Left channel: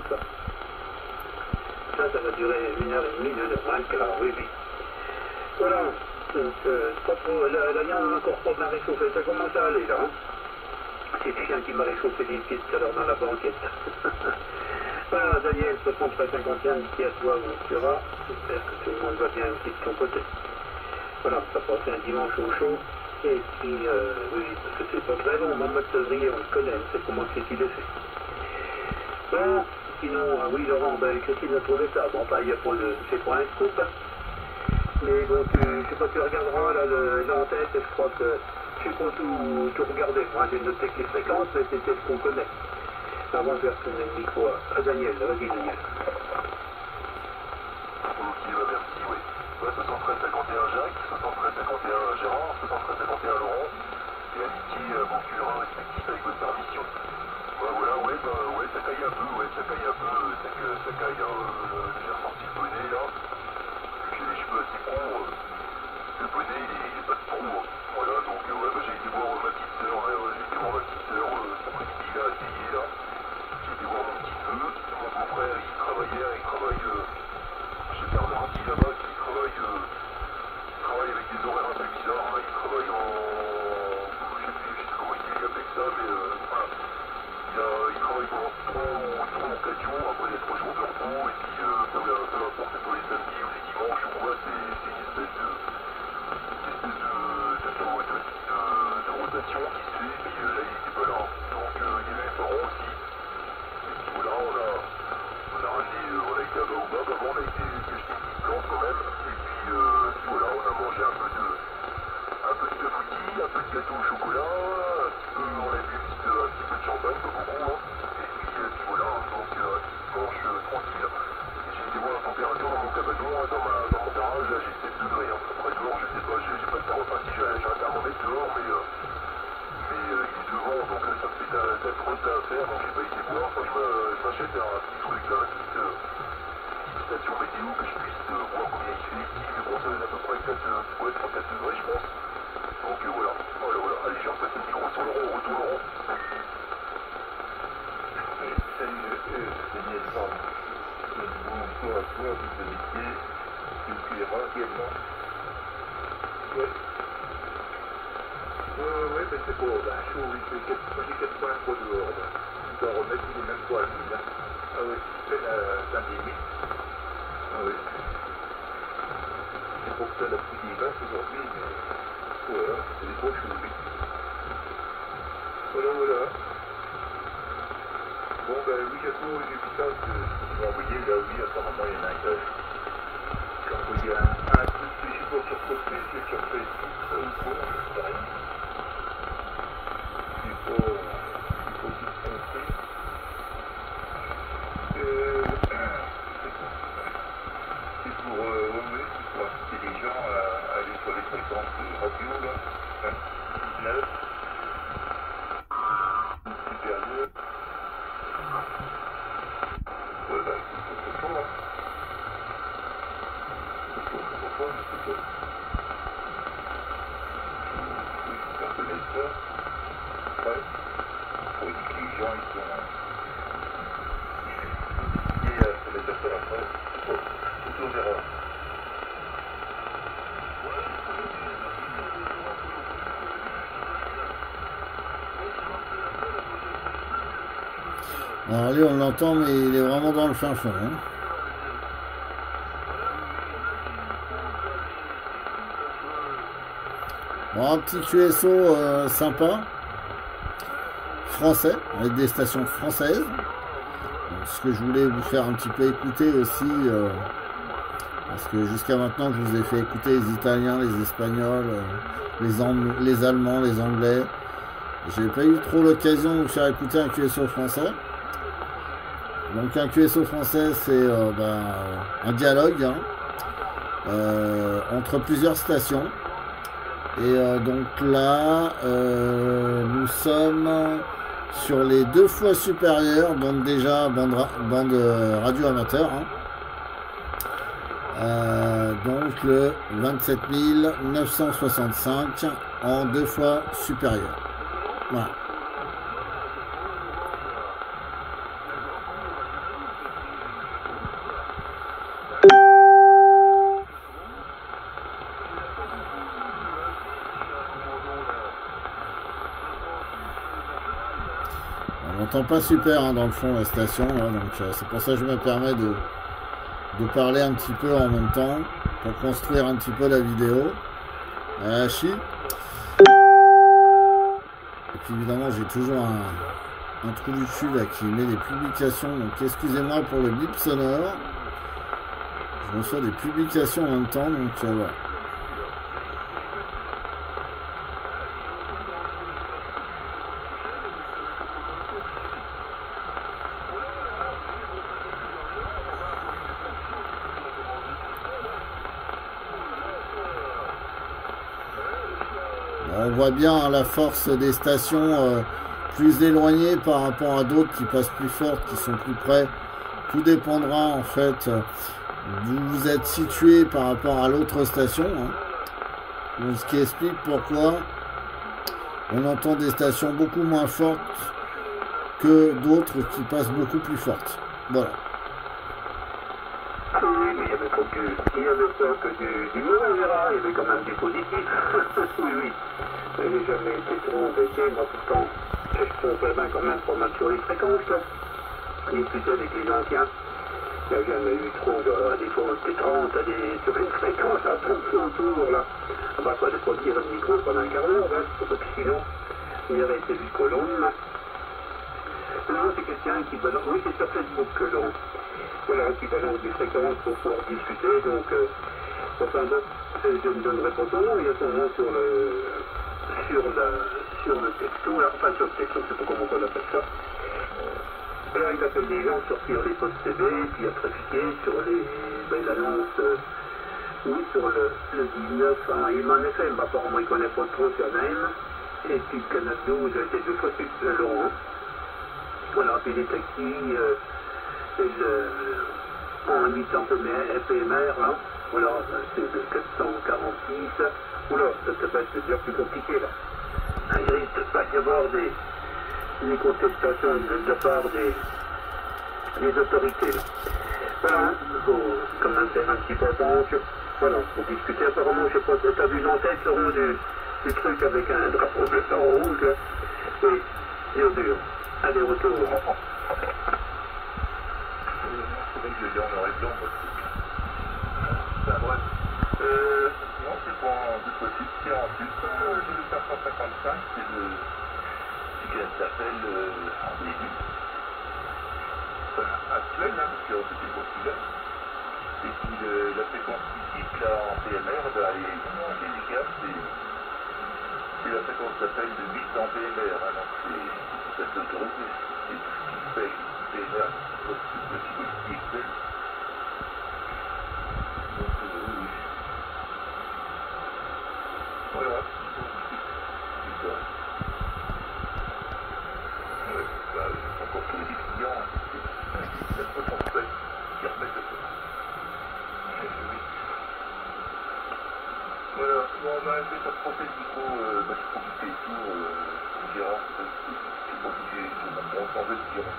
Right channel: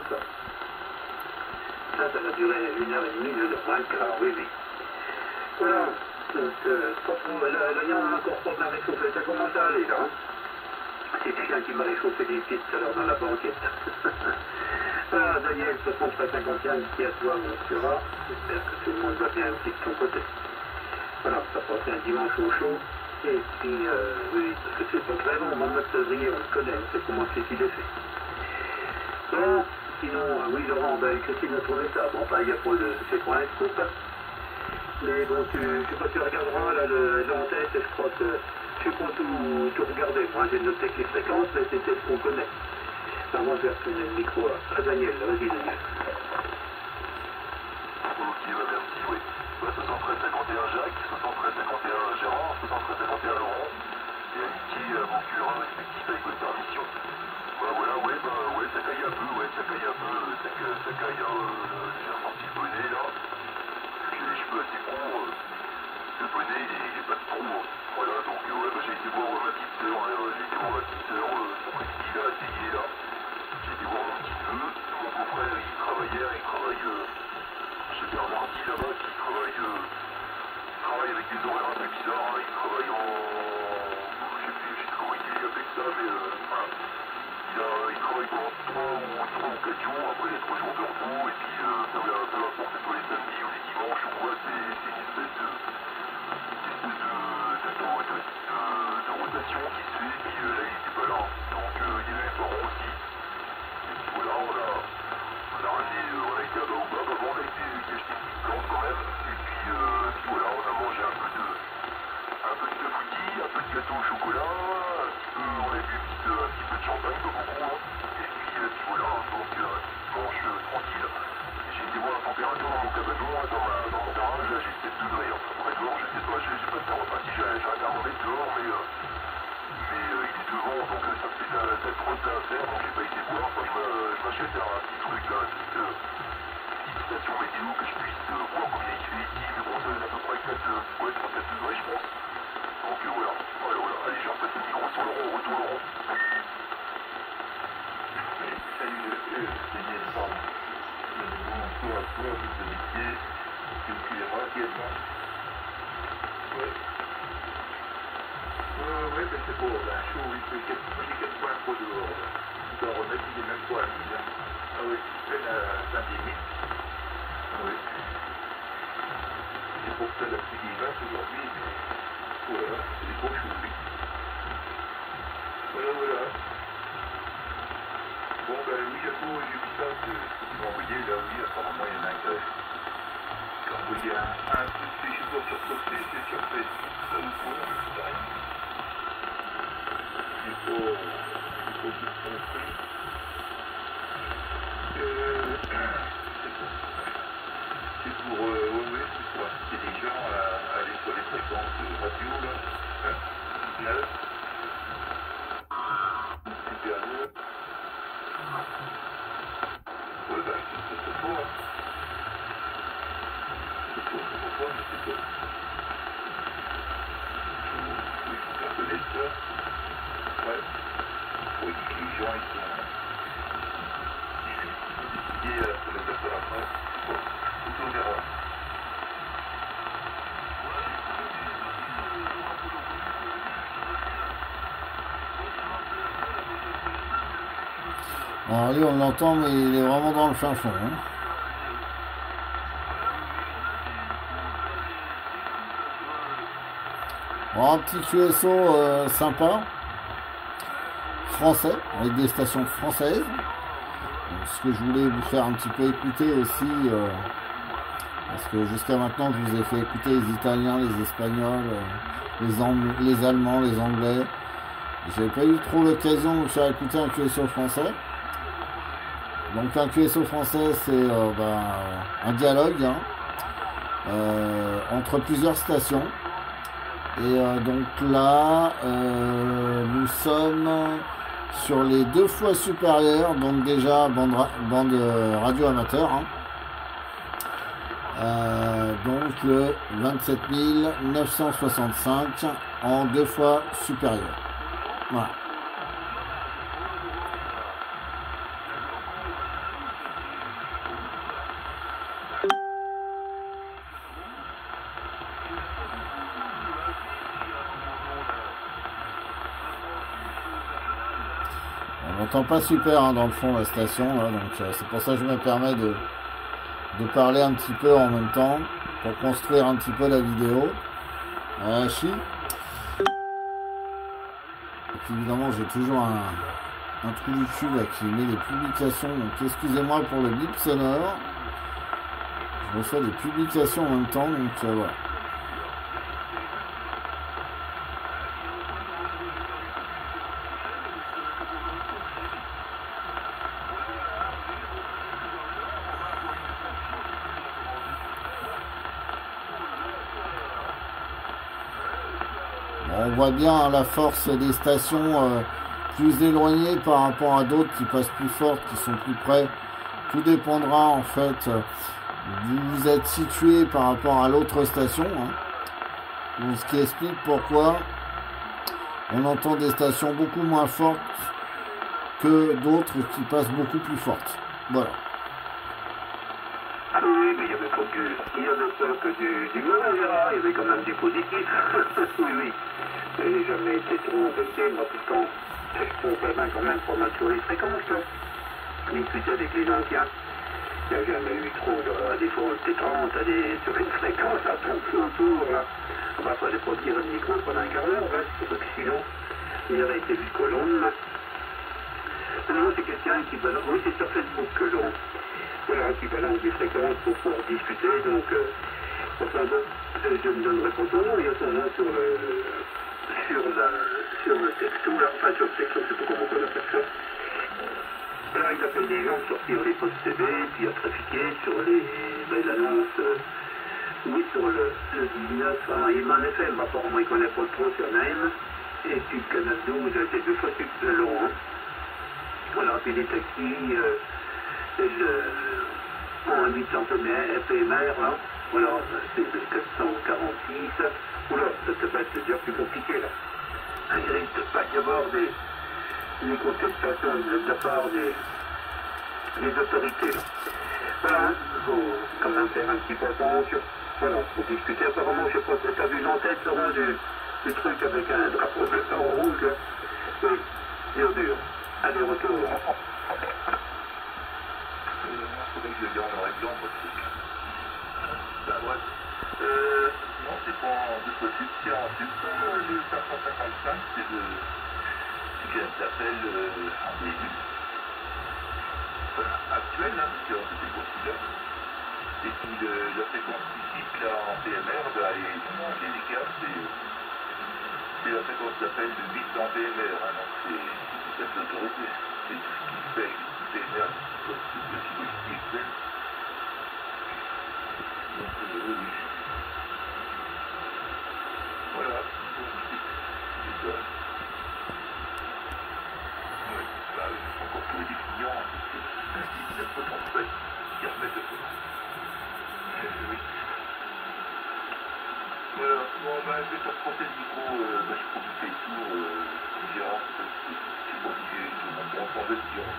Ça va durer 1h30, 1h20, oui, oui. Voilà, donc, là, il y a encore pas mal réchauffé, ça commence à aller, là. Hein. C'est quelqu'un qui m'a réchauffé les pieds tout à l'heure dans la banquette. Ah, Daniel, 63-51, qui à toi, on sera. J'espère que tout le monde va bien aussi de ton côté. Voilà, ça passe un dimanche au chaud. Et puis, oui, parce que c'est pas très long, en mode février, on le connaît, on sait comment c'est qu'il est fait. Bon, sinon, oui, Laurent, ben, Christine a trouvé ça. Bon, enfin, il n'y a pas de. C'est pas un scoop. Hein. Mais bon, je sais pas si tu regarderas là, l'antenne, je crois que. Je sais pas tout regarder. Moi, j'ai noté que les fréquences, mais c'était ce qu'on connaît. Avant, je vais retourner le micro à Daniel. Vas-y, Daniel. Ok, bah merci, oui. 73-51 Jacques, 73-51 Gérard, 73-51 Laurent, et Aliki, Concurrent respectif avec votre permission. Voilà, ouais, bah ouais, ça caille un peu, ça caille, j'ai ressenti le bonnet là, j'ai les cheveux assez courts, le bonnet il est pas de trou, hein. Voilà, donc ouais, bah, j'ai été voir ma petite sœur, son précis là, essayé là, j'ai été voir mon petit neveu, mon beau-frère il travaille, chez Bernard Arty là-bas, qui travaille avec des horaires un peu bizarres, hein. Il travaille je sais plus comment il est avec ça, mais voilà. Il travaille pendant 3 ou 4 jours, après les 3 jours de repos, et puis peu importe, que ce soit les samedis ou les dimanches ou quoi, c'est une espèce de rotation qui se fait, et puis là il n'était pas là, donc il y avait mes parents aussi, et puis voilà, on a été à Baobab avant, on a été acheter une petite plante quand même, et puis voilà, on a mangé un peu de clafoutis, un peu de gâteau au chocolat, on a bu un petit peu de champagne, pas beaucoup, hein. Et puis voilà, donc dimanche tranquille. J'ai été voir la température dans mon cabanon, dans mon garage, là j'ai 7 degrés, hein. Après dehors, je sais pas, j'ai pas de thermomètre, enfin si j'ai un thermomètre dehors, mais il est devant, donc ça me fait de la trotte à faire, donc j'ai pas été voir, enfin je m'achète un petit truc là, une petite station météo que je puisse voir combien il fait ici, mais bon ça va à peu près 3-4 degrés je pense. Donc voilà, allez je repasse le micro sur Laurent, retour Laurent. Salut Daniel Parle. Bonjour à toi, vous habitez, tu me cuiras également. Ouais. Ouais, mais c'est beau, ben chaud, il fait 4 points trop dehors. Tu dois remettre les mêmes points, là. Ah oui, c'est la limite. Ah oui. C'est pour ça la pluie des vaches aujourd'hui, mais voilà, c'est des gros choux, oui. Voilà. Bon, ben oui, j'ai vu ça, tu m'as envoyé, là, oui, apparemment, il y en a un qui a envoyé un truc, je sais pas sur quoi c'est sur Facebook, ça ou quoi, je sais rien. J'ai pas tout compris. C'est pour inciter les gens à aller sur les fréquences radio, là, 19, supérieur. Ouais, bah, c'est pour ça. C'est pour ça, mais c'est pas. Oui, il faut faire connaître ça. Ouais. Faut dire que les gens, ils sont. Et pour les faire après, on verra. Alors lui on l'entend mais il est vraiment dans le fin fond. Hein. Bon, un petit QSO sympa, français, avec des stations françaises. Donc, ce que je voulais vous faire un petit peu écouter aussi, parce que jusqu'à maintenant je vous ai fait écouter les Italiens, les Espagnols, les Allemands, les Anglais. J'ai pas eu trop l'occasion de vous faire écouter un QSO français. Donc un QSO français c'est un dialogue entre plusieurs stations. Et donc là, nous sommes sur les 2 fois supérieures, donc déjà bande radio amateur. Hein. Donc le 27 965 en 2 fois supérieur. Voilà. m'entend pas super hein, dans le fond la station, là, donc c'est pour ça que je me permets de parler un petit peu en même temps pour construire un petit peu la vidéo. Et puis évidemment j'ai toujours un trou du cul là qui met les publications, donc excusez-moi pour le bip sonore. Je reçois des publications en même temps, donc voilà. On voit bien la force des stations plus éloignées par rapport à d'autres qui passent plus fortes, qui sont plus près. Tout dépendra en fait d'où vous êtes situé par rapport à l'autre station. Hein. Donc, ce qui explique pourquoi on entend des stations beaucoup moins fortes que d'autres qui passent beaucoup plus fortes. Voilà. Oui, mais il y avait pas que du mauvais, il y avait quand même du positif. Oui. Je n'ai jamais été trop embêté, moi pourtant, je pouvais quand même pas mal sur les fréquences. Discuter avec les anciens, il n'y a jamais eu trop des fois on était 30 sur une fréquence à 30 autour, là. On va pas les produire le micro pendant un quart d'heure, hein, parce que sinon, il aurait été jusqu'au long. Non, c'est quelqu'un qui balance, oui c'est sur Facebook que l'on, voilà, qui balance des fréquences pour pouvoir discuter, donc, enfin bon, je ne donnerai pas son nom, il y a son nom sur le texto, là, enfin sur le texto, je ne sais pas comment on appelle ça. Là, il appelle des gens sortir les postes TV, puis à trafiquer sur l'annonce, oui, sur le 19, hein, il m'en est fait, mais apparemment il ne connaît pas trop sur Naïm, et puis le Canal 12 a été 2 fois plus long, hein. Voilà, puis les taxis, en 800 PMR, là, voilà, c'est de 446, oula, ça va être déjà plus compliqué, là. Il risque de pas y avoir des contestations de la part des autorités, là. Voilà, il faut quand même faire un petit peu attention. Voilà, pour discuter, apparemment, je sais pas, tu as vu l'entête au rouge du truc avec un drapeau bleu en rouge, là. Oui, dur. Allez, retour. Il faudrait que je le dise en noir et blanc, moi, ce truc. Ben, bref. Non, c'est pas de possible, c'est en plus. Le 555, c'est de... qu'elle s'appelle en début. Enfin, actuelle, hein, parce que c'était le celui-là. Et puis la fréquence physique, là, en PMR, bah, elle est efficace, c'est la fréquence d'appel de 8 en PMR, hein, donc c'est autorisé. C'est tout ce qui fait PMR, le qui fait. Donc, oui. Voilà, c'est ça. Ouais, bah, encore tous les clients, c'est pas ton fait qui remettent le feu. Oui. Voilà, bon, on va essayer de transporter le micro, je suis occupé et tout, Gérard, c'est compliqué, on s'en veut de Gérard.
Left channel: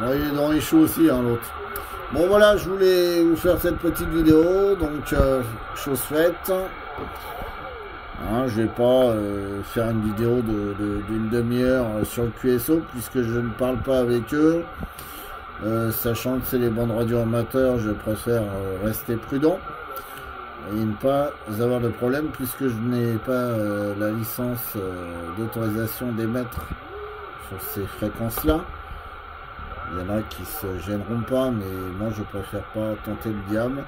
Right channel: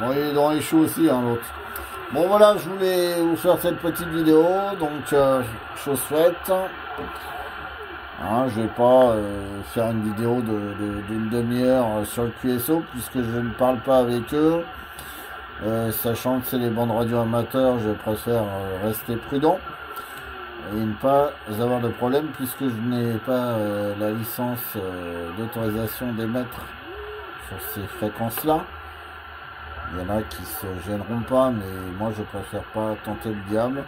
Bon, il est dans les choux aussi, hein, l'autre. Bon voilà, je voulais vous faire cette petite vidéo, donc chose faite. Hein, je vais pas faire une vidéo d'une demi-heure sur le QSO puisque je ne parle pas avec eux. Sachant que c'est les bandes radio amateurs, je préfère rester prudent et ne pas avoir de problème puisque je n'ai pas la licence d'autorisation d'émettre sur ces fréquences-là. Il y en a qui se gêneront pas, mais moi je préfère pas tenter le diable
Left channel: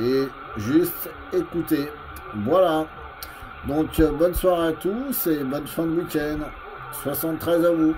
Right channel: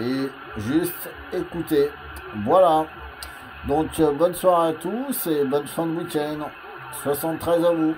et juste écouter. Voilà. Donc bonne soirée à tous et bonne fin de week-end. 73 à vous.